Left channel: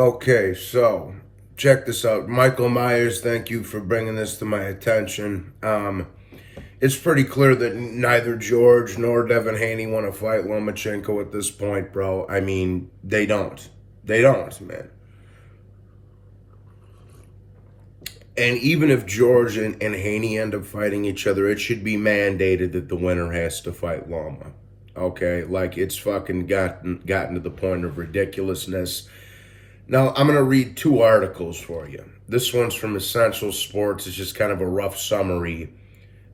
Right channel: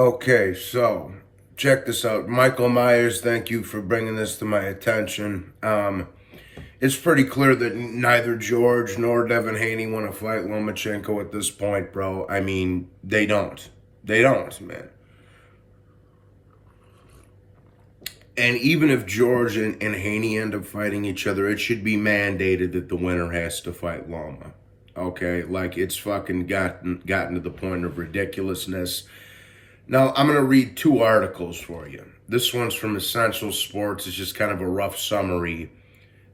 Okay, so check this out. Michael Myers, thank you for bringing this to my attention. It's pretty clear that neither George nor Devin Haney want to fight Lomachenko at this point, bro. I mean, they don't. They don't, man. And even if George and Haney end up fighting each other, it should be mandated that the winner has to fight Loma. Okay? Like, it's fucking gotten to the point of ridiculousness. Now, I'm going to read two articles for you. This one's from Essential Sports. It's just kind of a rough summary.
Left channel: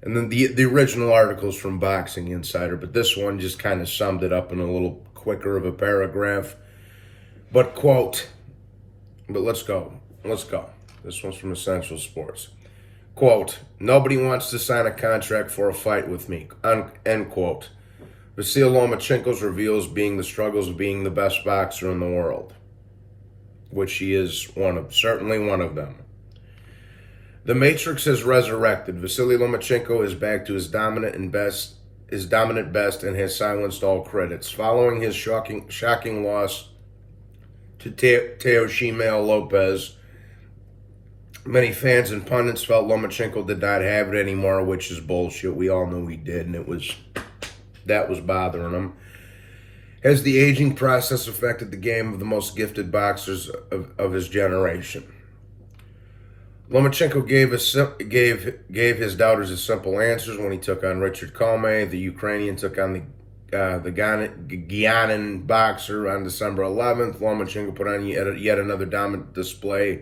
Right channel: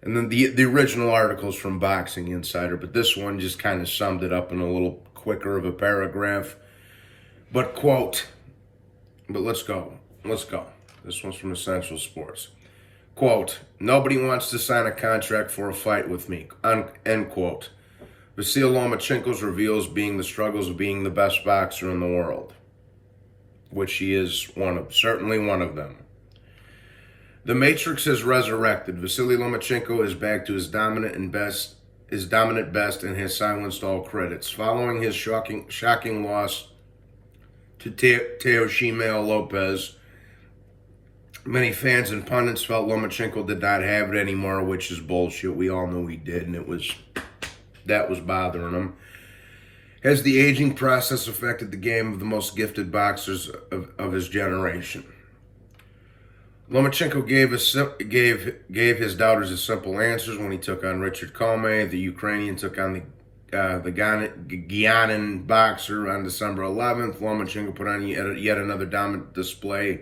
And then the original article's from Boxing Insider, but this one just kind of summed it up in a little quicker of a paragraph. But quote, but let's go. This one's from Essential Sports. Quote, nobody wants to sign a contract for a fight with me. End quote. Vasyl Lomachenko's reveals being the struggles of being the best boxer in the world, which he is certainly one of them. The Matrix has resurrected. Vasyl Lomachenko is back to his dominant best and has silenced all critics. Following his shocking loss to Teofimo Lopez, many fans and pundits felt Lomachenko did not have it anymore, which is bullshit. We all knew he did, and that was bothering him. Has the aging process affected the game of the most gifted boxers of his generation? Lomachenko gave his doubters a simple answers when he took on Richard Comey. The Ukrainian took on the Guyanan boxer on December 11th. Lomachenko put on yet another dominant display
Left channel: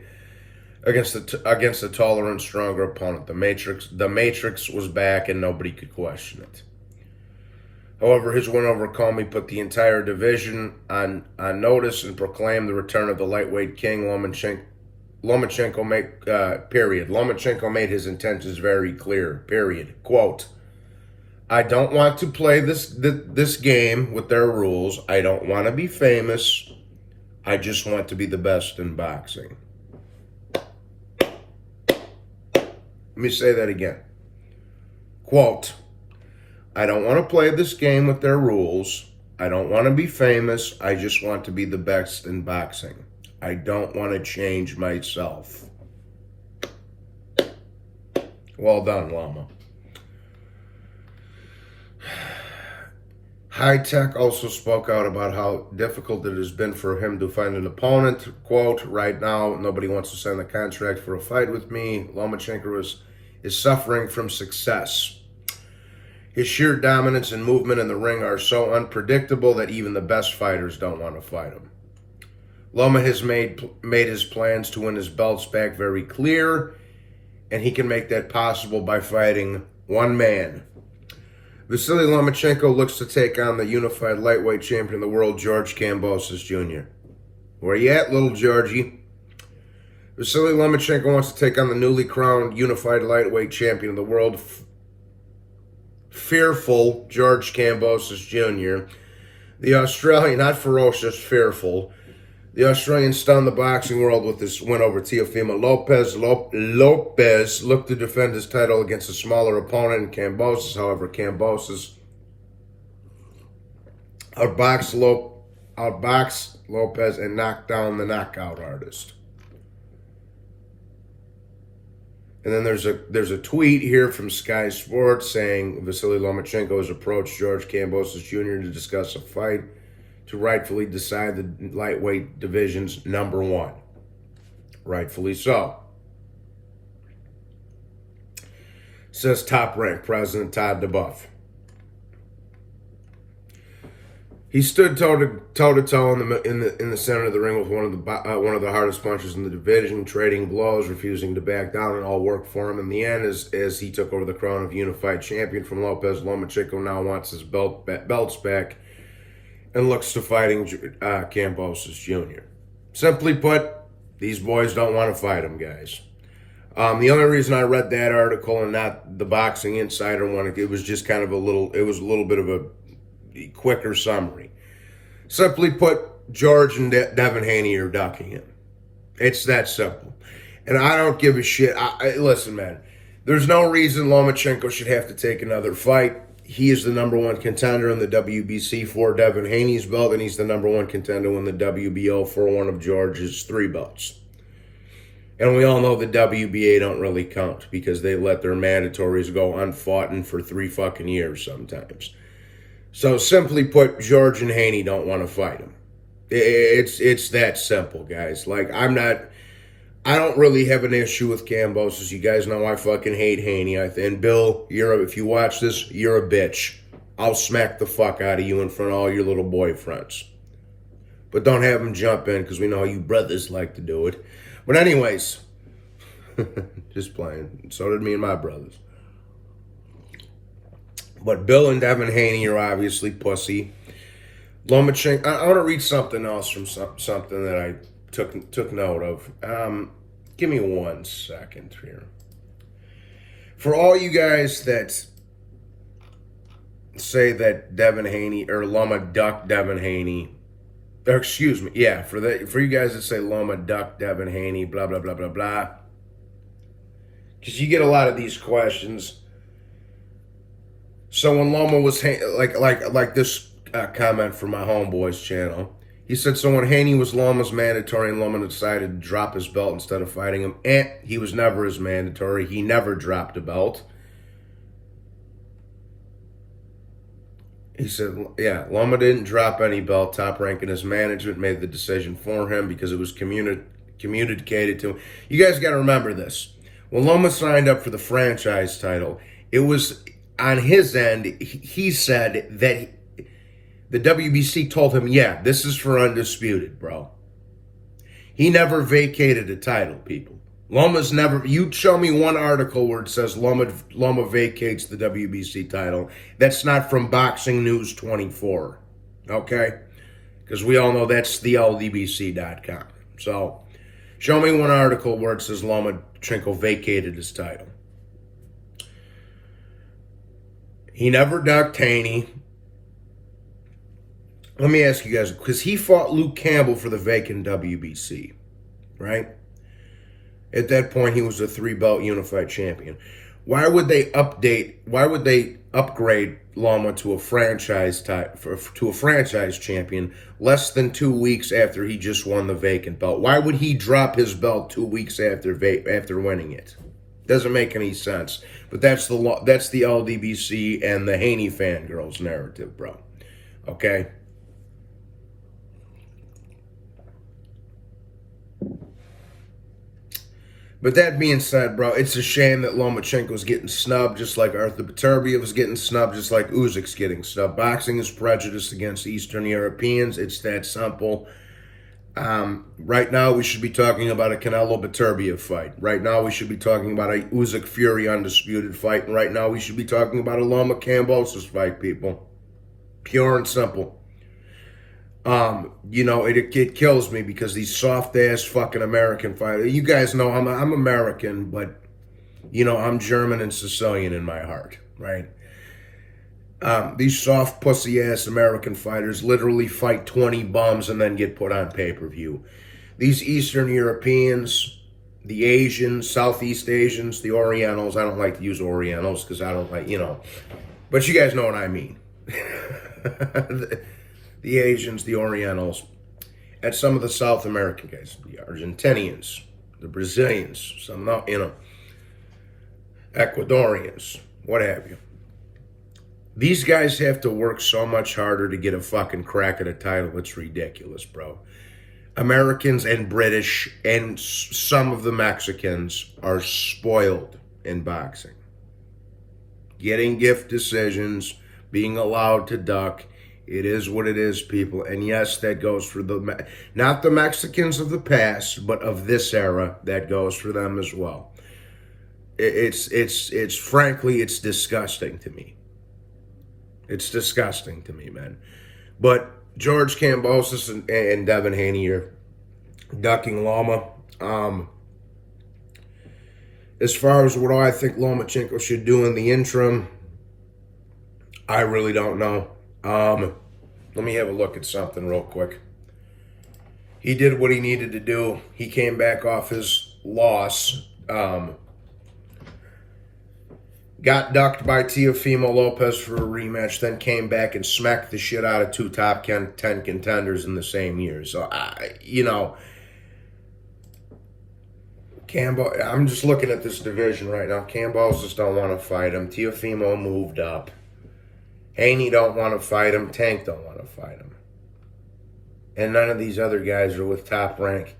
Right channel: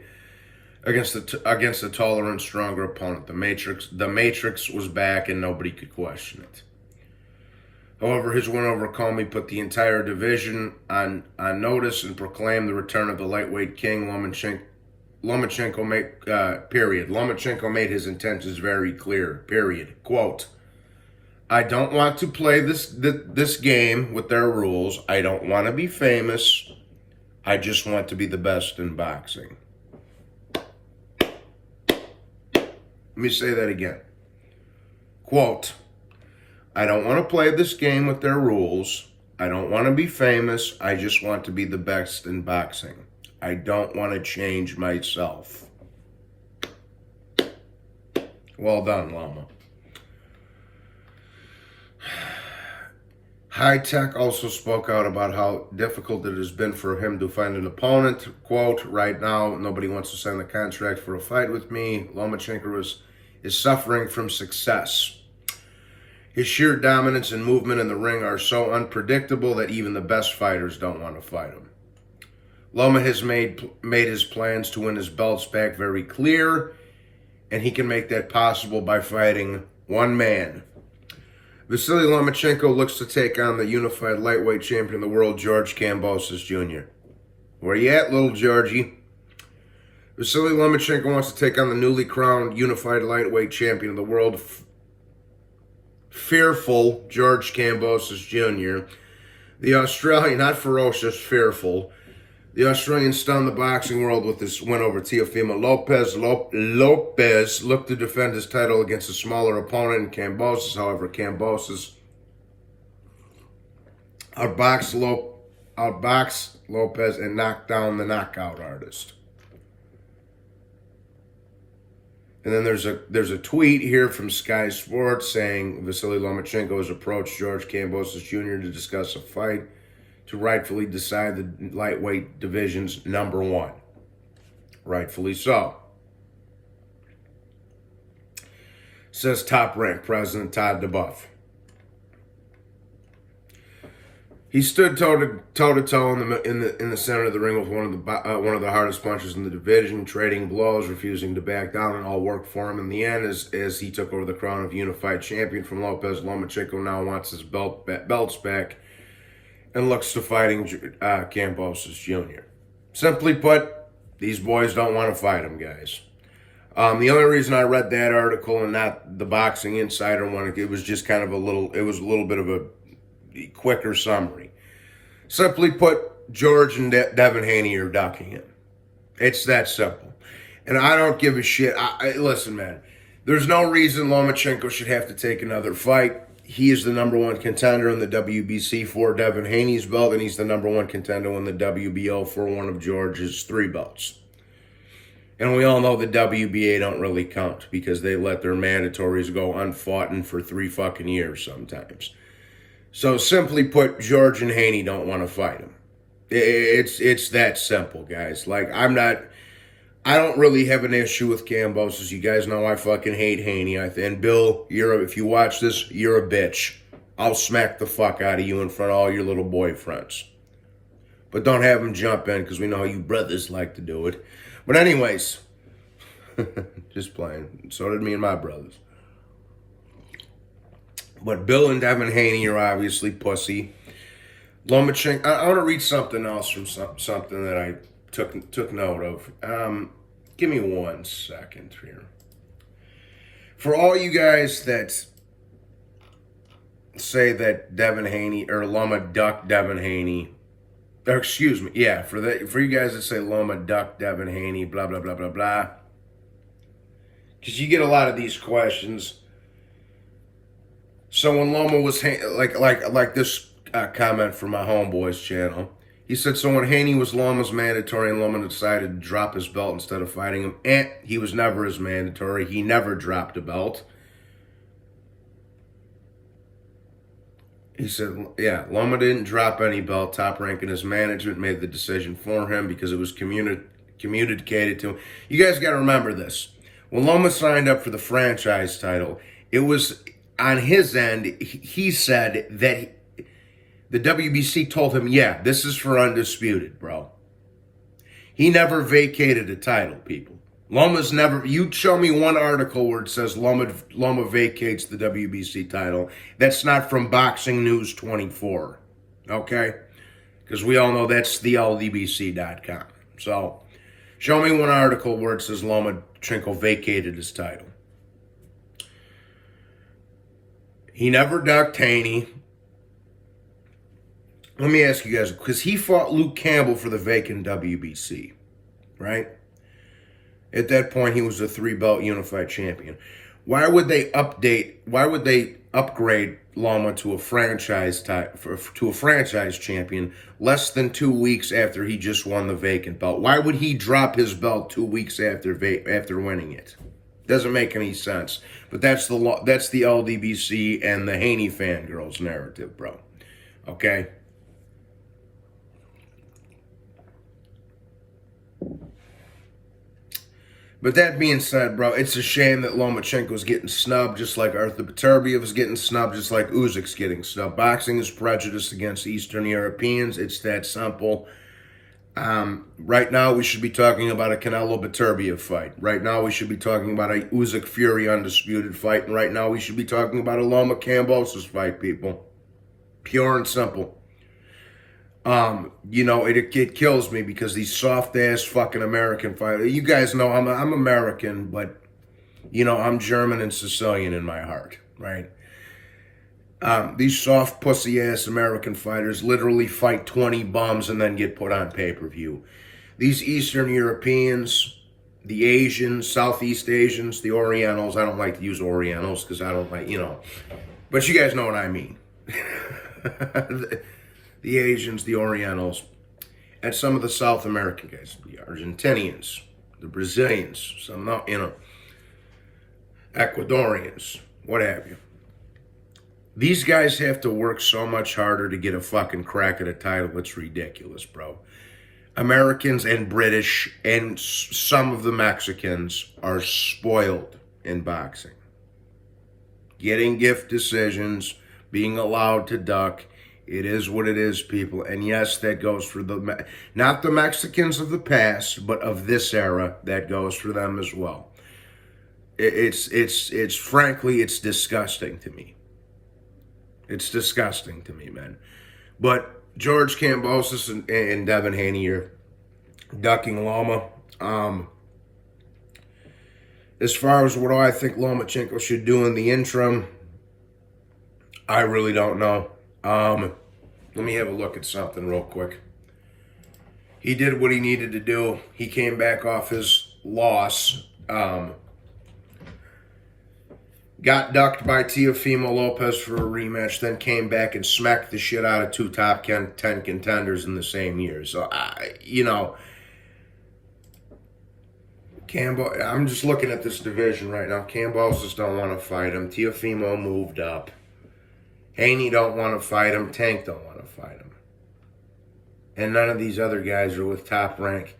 against a taller and stronger opponent. The Matrix was back, and nobody could question it. However, his win over Comey put the entire division on notice and proclaimed the return of the lightweight king. Lomachenko made his intentions very clear. Period. Quote, I don't want to play this game with their rules. I don't want to be famous. I just want to be the best in boxing. Let me say that again. Quote, I don't want to play this game with their rules. I don't want to be famous. I just want to be the best in boxing. I don't want to change myself. Well done, Loma. High Tech also spoke out about how difficult it has been for him to find an opponent. Quote, right now, nobody wants to sign the contract for a fight with me. Lomachenko is suffering from success. His sheer dominance and movement in the ring are so unpredictable that even the best fighters don't want to fight him. Loma has made his plans to win his belts back very clear, and he can make that possible by fighting one man. Vasyl Lomachenko looks to take on the unified lightweight champion of the world, George Kambosos Jr. Where you at, little Georgie? Vasyl Lomachenko wants to take on the newly crowned unified lightweight champion of the world, fearful George Kambosos Jr. The Australian, not ferocious, fearful. The Australian stunned the boxing world with his win over Teofimo Lopez. Lopez looked to defend his title against a smaller opponent in Kambosos. However, Kambosos outboxed Lopez and knocked down the knockout artist. And then there's a tweet here from Sky Sports saying Vasyl Lomachenko has approached George Kambosos Jr. to discuss a fight to rightfully decide the lightweight division's number one. Rightfully so. Says Top Rank President Todd DeBuff. He stood toe to toe in the center of the ring with one of the hardest punchers in the division, trading blows, refusing to back down, and all worked for him in the end as he took over the crown of unified champion from Lopez. Lomachenko now wants his belts back and looks to fighting Kambosos Jr. Simply put, these boys don't want to fight him, guys. The only reason I read that article and not the Boxing Insider one, it was just kind of a little bit of a quicker summary. Simply put, George and Devin Haney are ducking him. It's that simple. And I don't give a shit. Listen, man, there's no reason Lomachenko should have to take another fight. He is the number one contender in the WBC for Devin Haney's belt, and he's the number one contender in the WBO for one of George's 3 belts. And we all know the WBA don't really count because they let their mandatories go unfought for 3 fucking years sometimes. So simply put, George and Haney don't want to fight him. It's that simple, guys. Like, I don't really have an issue with Kambosos. You guys know I fucking hate Haney. And Bill, if you watch this, you're a bitch. I'll smack the fuck out of you in front of all your little boyfriends. But don't have them jump in because we know you brothers like to do it. But anyways, just playing. So did me and my brothers. But Bill and Devin Haney are obviously pussy. Lomachenko, I want to read something else from something that I took note of. Give me 1 second here. For all you guys that say that Devin Haney or Loma ducked Devin Haney, or excuse me, yeah, for you guys that say Loma ducked Devin Haney, blah blah blah blah blah, because you get a lot of these questions. So when Loma was like this comment from my homeboy's channel, he said, so when Haney was Loma's mandatory and Loma decided to drop his belt instead of fighting him, he was never his mandatory. He never dropped a belt. He said, yeah, Loma didn't drop any belt. Top Rank and his management made the decision for him because it was communicated to him. You guys got to remember this. When Loma signed up for the franchise title, it was on his end, he said that the WBC told him, yeah, this is for undisputed, bro. He never vacated a title, people. Loma's never, you show me one article where it says Loma vacates the WBC title. That's not from Boxing News 24, okay? Because we all know that's the LDBC.com. So, show me one article where it says Lomachenko vacated his title. He never ducked Haney. Let me ask you guys, because he fought Luke Campbell for the vacant WBC, right? At that point, he was a 3-belt unified champion. Why would they upgrade Loma to a franchise champion less than 2 weeks after he just won the vacant belt? Why would he drop his belt 2 weeks after winning it? Doesn't make any sense. But that's the LDBC and the Haney fangirls narrative, bro. Okay? But that being said, bro, it's a shame that Lomachenko's getting snubbed just like Arthur Beterbiev is getting snubbed, just like Usyk's getting snubbed. Boxing is prejudiced against Eastern Europeans. It's that simple. Right now, we should be talking about a Canelo Beterbiev fight. Right now, we should be talking about a Usyk Fury undisputed fight. And right now, we should be talking about a Loma Kambosos fight, people. Pure and simple. It kills me because these soft-ass fucking American fighters, you guys know I'm American, but, I'm German and Sicilian in my heart, right? These soft pussy-ass American fighters literally fight 20 bums and then get put on pay-per-view. These Eastern Europeans, the Asians, Southeast Asians, the Orientals, I don't like to use Orientals because I don't like, but you guys know what I mean. The Asians, the Orientals, and some of the South American guys, the Argentinians, the Brazilians, some not, Ecuadorians, what have you. These guys have to work so much harder to get a fucking crack at a title. It's ridiculous, bro. Americans and British and some of the Mexicans are spoiled in boxing. Getting gift decisions, being allowed to duck. It is what it is, people. And yes, that goes for not the Mexicans of the past, but of this era, that goes for them as well. It's frankly, it's disgusting to me. It's disgusting to me, man. But George Kambosos and Devin Haney are ducking Loma. As far as what I think Lomachenko should do in the interim, I really don't know. Let me have a look at something real quick. He did what he needed to do. He came back off his loss. got ducked by Teofimo Lopez for a rematch, then came back and smacked the shit out of two top 10 contenders in the same year. So, Campbell, I'm just looking at this division right now. Campbell just don't want to fight him. Teofimo moved up. Haney don't want to fight him. Tank don't want to fight him. And none of these other guys are with top rank.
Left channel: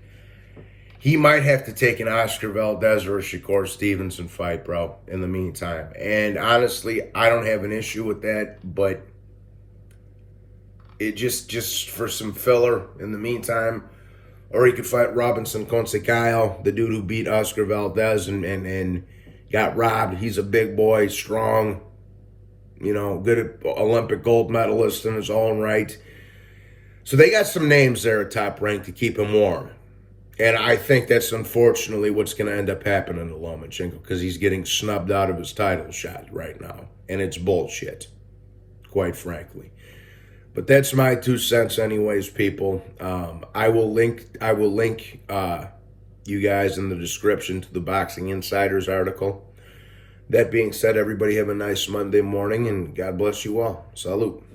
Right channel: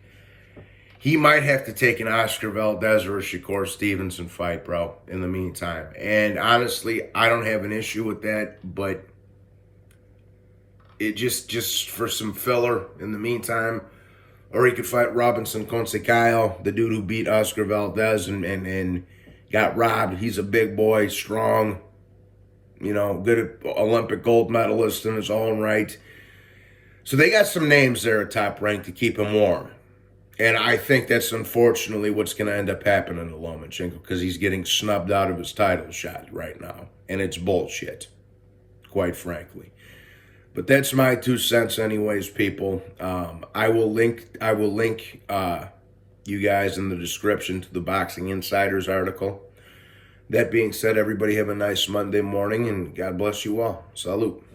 He might have to take an Oscar Valdez or a Shakur Stevenson fight, bro, in the meantime. And honestly, I don't have an issue with that, but it just for some filler in the meantime. Or he could fight Robinson Consecayo, the dude who beat Oscar Valdez and got robbed. He's a big boy, strong, good Olympic gold medalist in his own right. So they got some names there at top rank to keep him warm. And I think that's unfortunately what's going to end up happening to Lomachenko, because he's getting snubbed out of his title shot right now. And it's bullshit, quite frankly. But that's my 2 cents anyways, people. I will link you guys in the description to the Boxing Insiders article. That being said, everybody have a nice Monday morning, and God bless you all. Salute.